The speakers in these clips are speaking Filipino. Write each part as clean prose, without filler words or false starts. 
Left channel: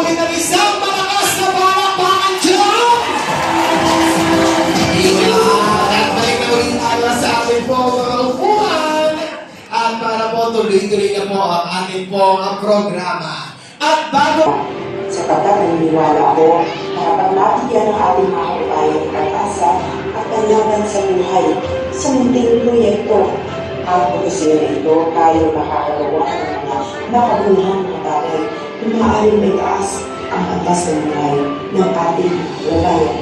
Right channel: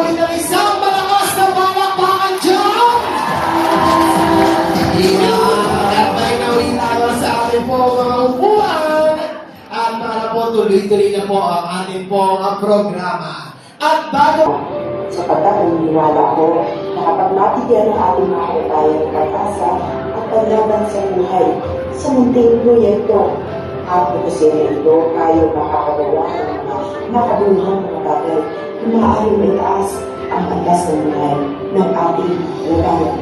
ulit ang isang malakas na palakpakan dyan! At may gawin tayo sa ating po mga upuan. At para po tuloy-tuloy na po ang ating pong programa. At bago... Sapagkat naniniwala ko na kapag mabigyan ng ating mga kabayan ng pag-asa at paglaban sa buhay sa munting proyekto, at pagkasira ito tayo makakagawa ng mga nakabuluhang mga bagay na maaaring may taas ang antas ng buhay ng ating kabayan.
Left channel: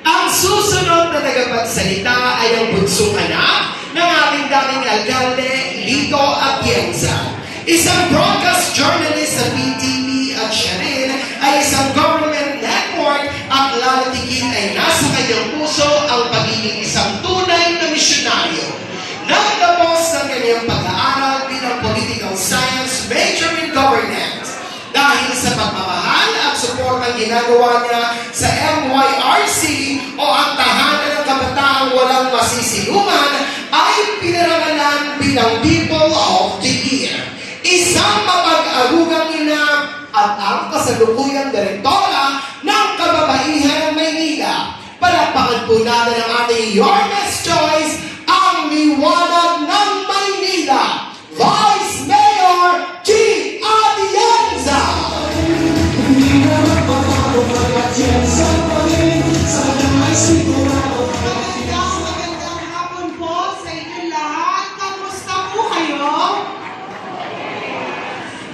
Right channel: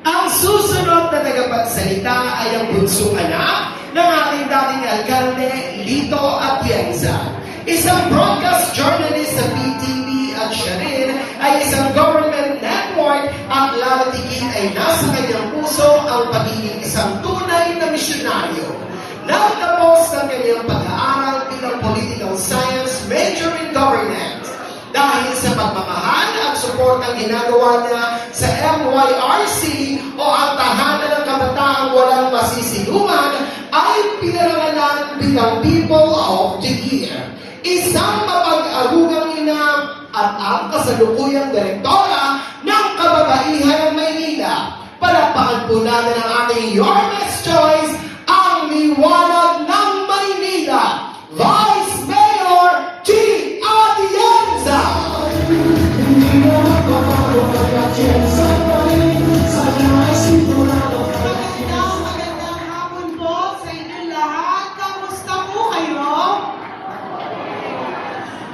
Ang susunod na tagapagsalita ay ang bunsong anak ng ating dating alkalde, Lito Atienza. Isang broadcast journalist sa PTV at siya rin ay isang government network at lalatikit ay nasa kanyang puso ang pagiging isang tunay na misyonaryo. Nagtapos ng kanyang pag-aaral bilang political science major in governance. Dahil sa pagmamahal at support ang ginagawa niya sa MYRC o ang tahanan ng kabataang walang masisilungan ay pinarangalan bilang People of the Year. Isang mapag-arugang ina at ang kasalukuyang direktora ng Kababaihan ng Maynila. Palakpakan po natin ang ating Your Next Choice, ang liwanag ng Maynila, Vice Mayor G. Atienza. Magandang hapon po sa inyo lahat. Kamusta po kayo?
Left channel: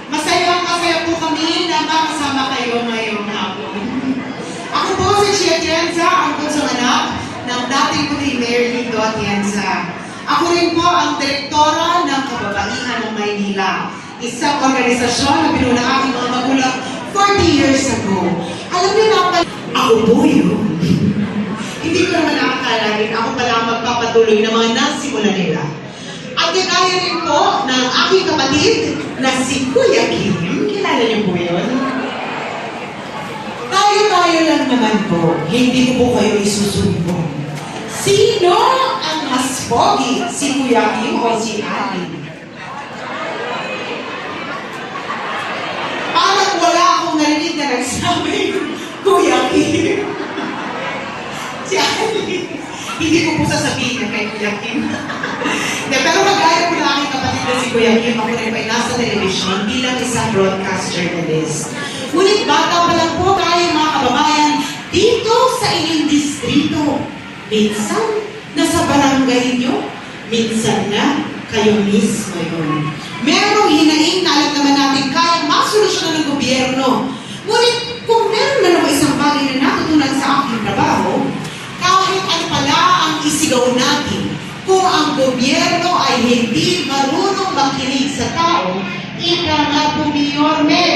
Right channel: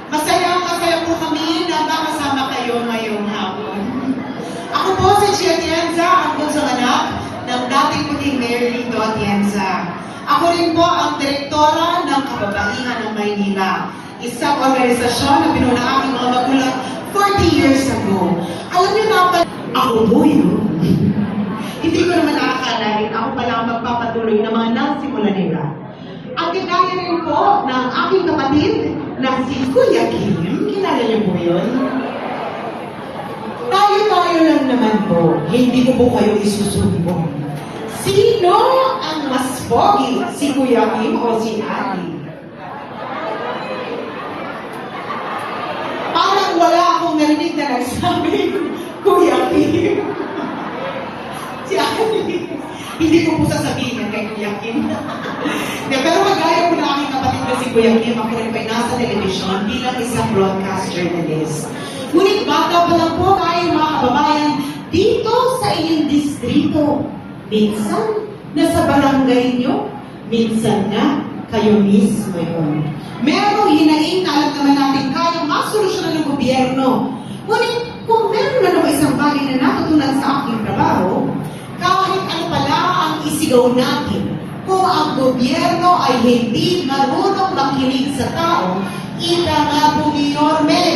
Masaya po kami na makasama kayo ngayong hapon. Ako po si G. Atienza, ang bunsong anak ng dating puting Mayor Lito Atienza. Ako rin po ang direktora ng Kababaihan ng Maynila, isang organisasyon na binuo ng aking mga magulang 40 years ago. Alam niyo na ako po yun. Hindi ko naman nakakalain, ako pala ang magpapatuloy ng mga nasimula nila. At kinaya rin po ng aking kapatid na si Kuya Kim. Kilala niyo po yun? Tayo-tayo lang naman po. Hindi ko po kayo isusumbong. Sino ang mas pogi? Si Kuya Kim o si Ali? Parang wala akong narinig na nagsabi, Kuya Kim. Si Ali. Hindi ko po sasabihin kay Kuya Kim. Pero magaya po na aking kapatid na si Kuya Kim, ako rin ay nasa television bilang isang broadcast journalist. Ngunit bata pa lang po tayo mga kababayan dito sa inyong distrito. Minsan, nasa barangay nyo. Minsan na, kayo mismo yun. Merong hinaing na alam naman natin kayang masolusyonan ng gobyerno. Ngunit kung meron na naman isang bagay na natutunan sa aking trabaho, kahit ano pala ang isigaw natin, kung ang gobyerno ay hindi marunong makinig sa tao, ika nga po ni Yorme.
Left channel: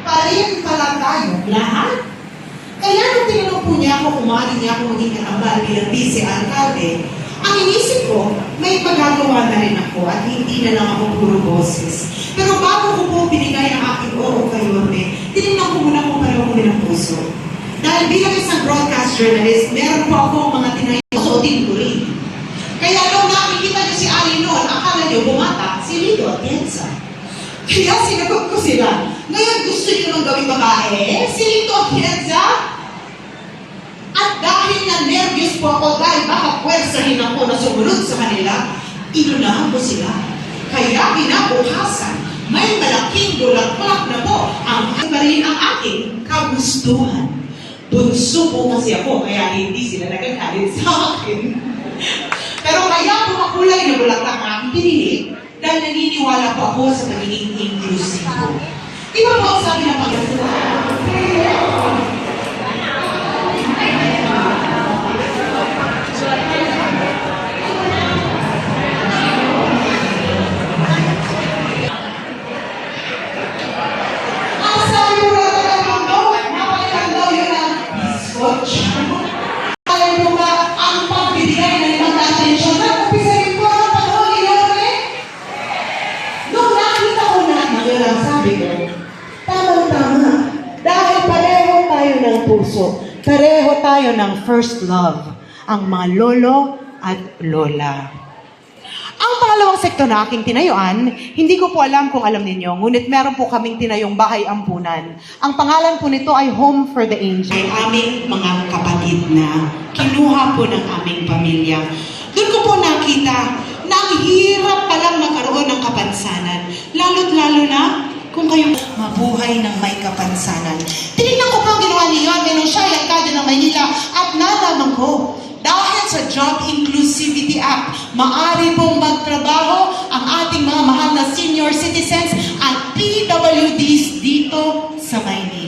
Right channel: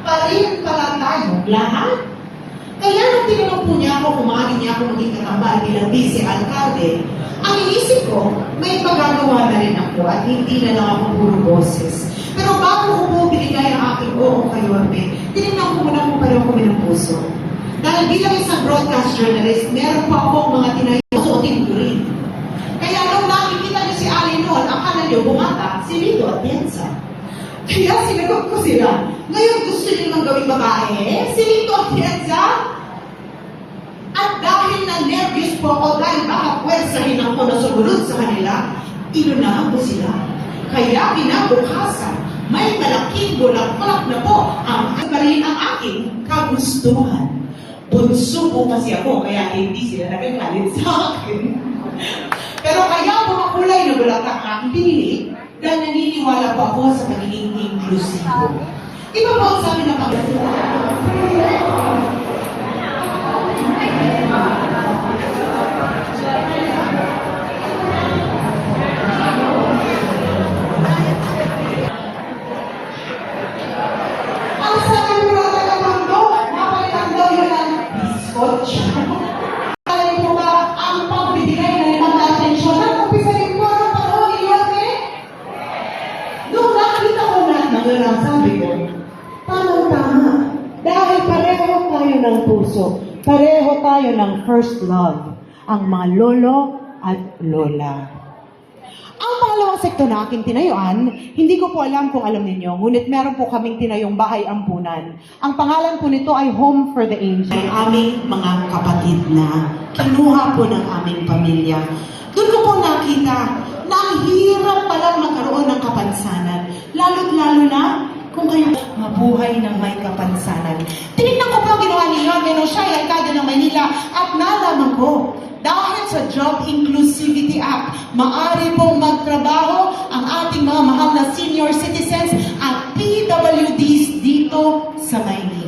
Pa rin pala tayo lahat. Kaya nung tinanong po niya ako, kumari niya ako maging katambal bilang vice-alcalde, ang inisip ko, may magagawa na rin ako at hindi na lang ako puro boses. Pero bago ko po binigay ang aking oo kay Yorme, tinignan ko muna kung pareho ko ng puso. Dahil bilang isang broadcast journalist, meron po akong mga tinayusuotin ko rin. Kaya nung nakikita niyo si Ali noon, akala niyo bumata si Lito Atienza. Kaya sinagot ko sila, ngayon gusto niyo nang gawing babae, si Lito Atienza? At dahil na nervous po ako dahil baka pwersahin ako na sumunod sa kanila, inunahan ko sila. Kaya kinabukasan, may malaking bulaklak na po ang rin ang aking kagustuhan. Bunso po kasi ako, kaya hindi sila nagagalit sa akin. Pero kaya mga kulay na bulaklak ang aking pinili dahil naniniwala po ako sa pagiging inclusive. Iba po ang sabi ng Panginoon. Pareho tayo ng first love, ang mga lolo at lola. Ang pangalawang sektor na aking tinayuan, hindi ko po alam kung alam ninyo, ngunit meron po kaming tinayong bahay ampunan. Ang pangalan po nito ay Home for the Aged. Ay aming mga kapatid na kinuha po ng aming pamilya. Doon ko po nakita na ang hirap palang magkaroon ng kapansanan. Lalo't lalo na kung kayo mabuhay ng may kapansanan. Tinignan ko po ang ginawa niya, pero siya ay alkalde ng Maynila at nalaman ko, dahil sa Job Inclusivity Act, maaari pong